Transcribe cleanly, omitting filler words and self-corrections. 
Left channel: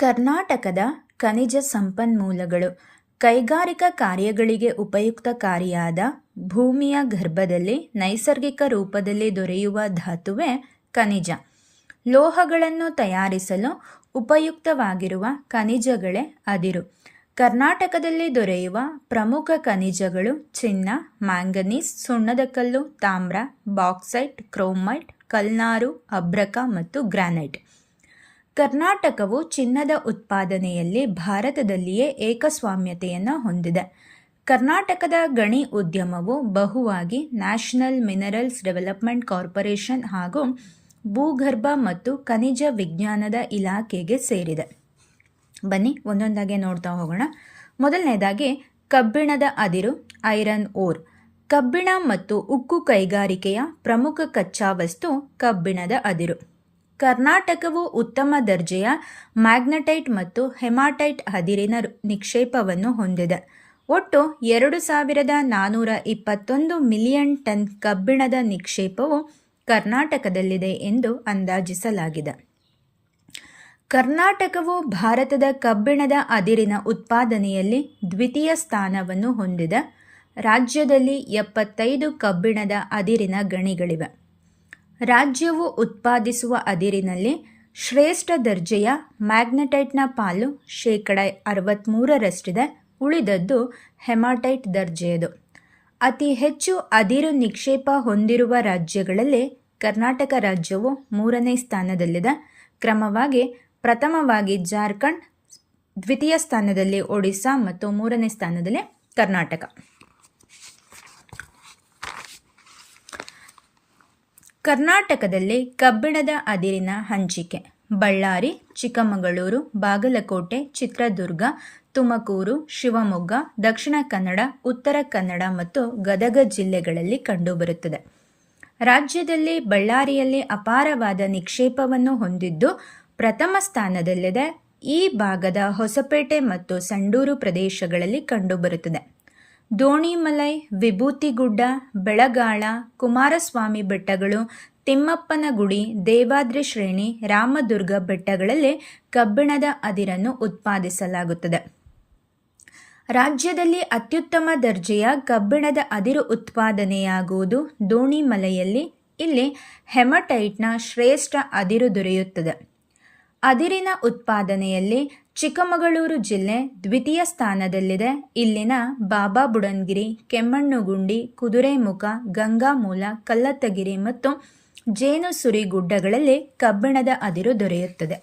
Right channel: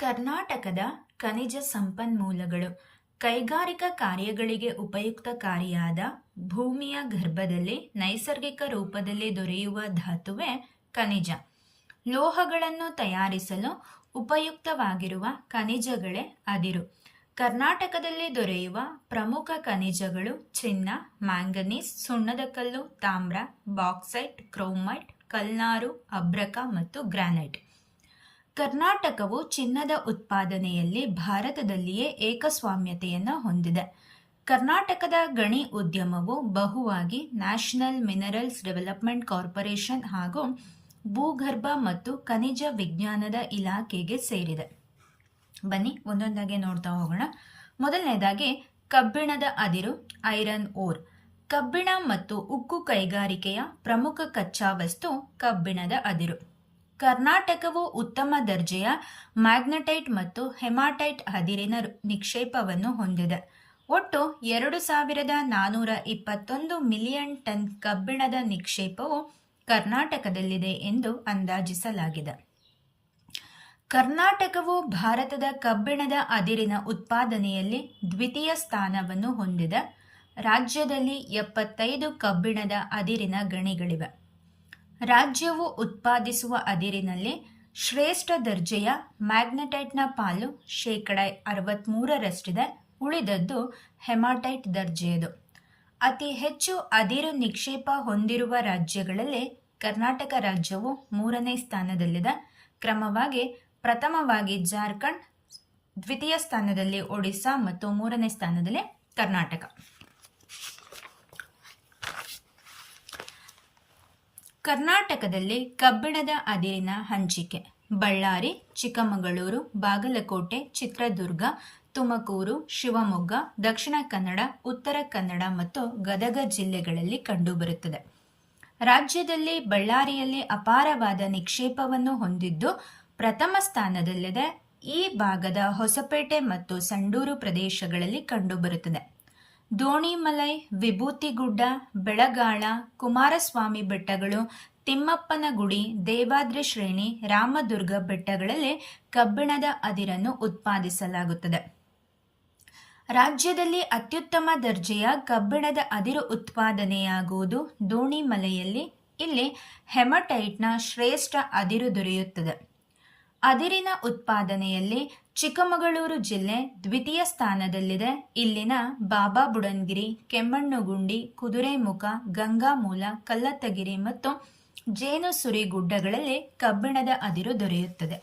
ಕರ್ನಾಟಕದ ಖನಿಜ ಸಂಪನ್ಮೂಲಗಳು ಕೈಗಾರಿಕಾ ಕಾರ್ಯಗಳಿಗೆ ಉಪಯುಕ್ತಕಾರಿಯಾದ ಭೂಮಿಯ ಗರ್ಭದಲ್ಲಿ ನೈಸರ್ಗಿಕ ರೂಪದಲ್ಲಿ ದೊರೆಯುವ ಧಾತುವೇ ಖನಿಜ. ಲೋಹಗಳನ್ನು ತಯಾರಿಸಲು ಉಪಯುಕ್ತವಾಗಿರುವ ಖನಿಜಗಳೇ ಅದಿರು. ಕರ್ನಾಟಕದಲ್ಲಿ ದೊರೆಯುವ ಪ್ರಮುಖ ಖನಿಜಗಳು ಚಿನ್ನ, ಮ್ಯಾಂಗನೀಸ್, ಸುಣ್ಣದ ಕಲ್ಲು, ತಾಮ್ರ, ಬಾಕ್ಸೈಟ್, ಕ್ರೋಮೈಟ್, ಕಲ್ನಾರು, ಅಬ್ರಕ ಮತ್ತು ಗ್ರಾನೈಟ್. ಕರ್ನಾಟಕವು ಚಿನ್ನದ ಉತ್ಪಾದನೆಯಲ್ಲಿ ಭಾರತದಲ್ಲಿಯೇ ಏಕಸ್ವಾಮ್ಯತೆಯನ್ನು ಹೊಂದಿದೆ. ಕರ್ನಾಟಕದ ಗಣಿ ಉದ್ಯಮವು ಬಹುವಾಗಿ ನ್ಯಾಷನಲ್ ಮಿನರಲ್ಸ್ ಡೆವಲಪ್ಮೆಂಟ್ ಕಾರ್ಪೊರೇಷನ್ ಹಾಗೂ ಭೂಗರ್ಭ ಮತ್ತು ಖನಿಜ ವಿಜ್ಞಾನದ ಇಲಾಖೆಗೆ ಸೇರಿದೆ. ಬನ್ನಿ ಒಂದೊಂದಾಗಿ ನೋಡ್ತಾ ಹೋಗೋಣ. ಮೊದಲನೇದಾಗಿ ಕಬ್ಬಿಣದ ಅದಿರು, ಐರನ್ ಓರ್. ಕಬ್ಬಿಣ ಮತ್ತು ಉಕ್ಕು ಕೈಗಾರಿಕೆಯ ಪ್ರಮುಖ ಕಚ್ಚಾ ವಸ್ತು ಕಬ್ಬಿಣದ ಅದಿರು. ಕರ್ನಾಟಕವು ಉತ್ತಮ ದರ್ಜೆಯ ಮ್ಯಾಗ್ನೆಟೈಟ್ ಮತ್ತು ಹೆಮಾಟೈಟ್ ಅದಿರಿನ ನಿಕ್ಷೇಪವನ್ನು ಹೊಂದಿದೆ. ಒಟ್ಟು 2421 ಮಿಲಿಯನ್ ಟನ್ ಕಬ್ಬಿಣದ ನಿಕ್ಷೇಪವು ಕರ್ನಾಟಕದಲ್ಲಿದೆ ಎಂದು ಅಂದಾಜಿಸಲಾಗಿದೆ. ಕರ್ನಾಟಕವು ಭಾರತದ ಕಬ್ಬಿಣದ ಅದಿರಿನ ಉತ್ಪಾದನೆಯಲ್ಲಿ ದ್ವಿತೀಯ ಸ್ಥಾನವನ್ನು ಹೊಂದಿದೆ. ರಾಜ್ಯದಲ್ಲಿ 75 ಕಬ್ಬಿಣದ ಅದಿರಿನ ಗಣಿಗಳಿವೆ. ರಾಜ್ಯವು ಉತ್ಪಾದಿಸುವ ಅದಿರಿನಲ್ಲಿ ಶ್ರೇಷ್ಠ ದರ್ಜೆಯ ಮ್ಯಾಗ್ನೆಟೈಟ್ನ ಪಾಲು 63%ರಷ್ಟಿದೆ. ಉಳಿದದ್ದು ಹೆಮಾಟೈಟ್ ದರ್ಜೆಯದು. ಅತಿ ಹೆಚ್ಚು ಅದಿರು ನಿಕ್ಷೇಪ ಹೊಂದಿರುವ ರಾಜ್ಯಗಳಲ್ಲಿ ಕರ್ನಾಟಕ ರಾಜ್ಯವು 3ನೇ ಸ್ಥಾನದಲ್ಲಿದೆ. ಕ್ರಮವಾಗಿ ಪ್ರಥಮವಾಗಿ ಜಾರ್ಖಂಡ್, ದ್ವಿತೀಯ ಸ್ಥಾನದಲ್ಲಿ ಒಡಿಶಾ ಮತ್ತು 3ನೇ ಸ್ಥಾನದಲ್ಲಿ ಕರ್ನಾಟಕ. ಕರ್ನಾಟಕದಲ್ಲಿ ಕಬ್ಬಿಣದ ಅದಿರಿನ ಹಂಚಿಕೆ ಬಳ್ಳಾರಿ, ಚಿಕ್ಕಮಗಳೂರು, ಬಾಗಲಕೋಟೆ, ಚಿತ್ರದುರ್ಗ, ತುಮಕೂರು, ಶಿವಮೊಗ್ಗ, ದಕ್ಷಿಣ ಕನ್ನಡ, ಉತ್ತರ ಕನ್ನಡ ಮತ್ತು ಗದಗ ಜಿಲ್ಲೆಗಳಲ್ಲಿ ಕಂಡುಬರುತ್ತದೆ. ರಾಜ್ಯದಲ್ಲಿ ಬಳ್ಳಾರಿಯಲ್ಲಿ ಅಪಾರವಾದ ನಿಕ್ಷೇಪವನ್ನು ಹೊಂದಿದ್ದು ಪ್ರಥಮ ಸ್ಥಾನದಲ್ಲಿದೆ. ಈ ಭಾಗದ ಹೊಸಪೇಟೆ ಮತ್ತು ಸಂಡೂರು ಪ್ರದೇಶಗಳಲ್ಲಿ ಕಂಡುಬರುತ್ತದೆ. ದೋಣಿಮಲೈ, ವಿಭೂತಿಗುಡ್ಡ, ಬೆಳಗಾಳ, ಕುಮಾರಸ್ವಾಮಿ ಬೆಟ್ಟಗಳು, ತಿಮ್ಮಪ್ಪನ ಗುಡಿ, ದೇವಾದ್ರಿ ಶ್ರೇಣಿ, ರಾಮದುರ್ಗ ಬೆಟ್ಟಗಳಲ್ಲಿ ಕಬ್ಬಿಣದ ಅದಿರನ್ನು ಉತ್ಪಾದಿಸಲಾಗುತ್ತದೆ. ರಾಜ್ಯದಲ್ಲಿ ಅತ್ಯುತ್ತಮ ದರ್ಜೆಯ ಕಬ್ಬಿಣದ ಅದಿರು ಉತ್ಪಾದನೆಯಾಗುವುದು ದೋಣಿಮಲೆಯಲ್ಲಿ. ಇಲ್ಲಿ ಹೆಮಟೈಟ್ನ ಶ್ರೇಷ್ಠ ಅದಿರು ದೊರೆಯುತ್ತದೆ. ಅದಿರಿನ ಉತ್ಪಾದನೆಯಲ್ಲಿ ಚಿಕ್ಕಮಗಳೂರು ಜಿಲ್ಲೆ ದ್ವಿತೀಯ ಸ್ಥಾನದಲ್ಲಿದೆ. ಇಲ್ಲಿನ ಬಾಬಾ ಬುಡನ್ಗಿರಿ, ಕೆಮ್ಮಣ್ಣುಗುಂಡಿ, ಕುದುರೆಮುಖ, ಗಂಗಾಮೂಲ, ಕಲ್ಲತ್ತಗಿರಿ ಮತ್ತು ಜೇನುಸುರಿ ಗುಡ್ಡಗಳಲ್ಲಿ ಕಬ್ಬಿಣದ ಅದಿರು ದೊರೆಯುತ್ತದೆ.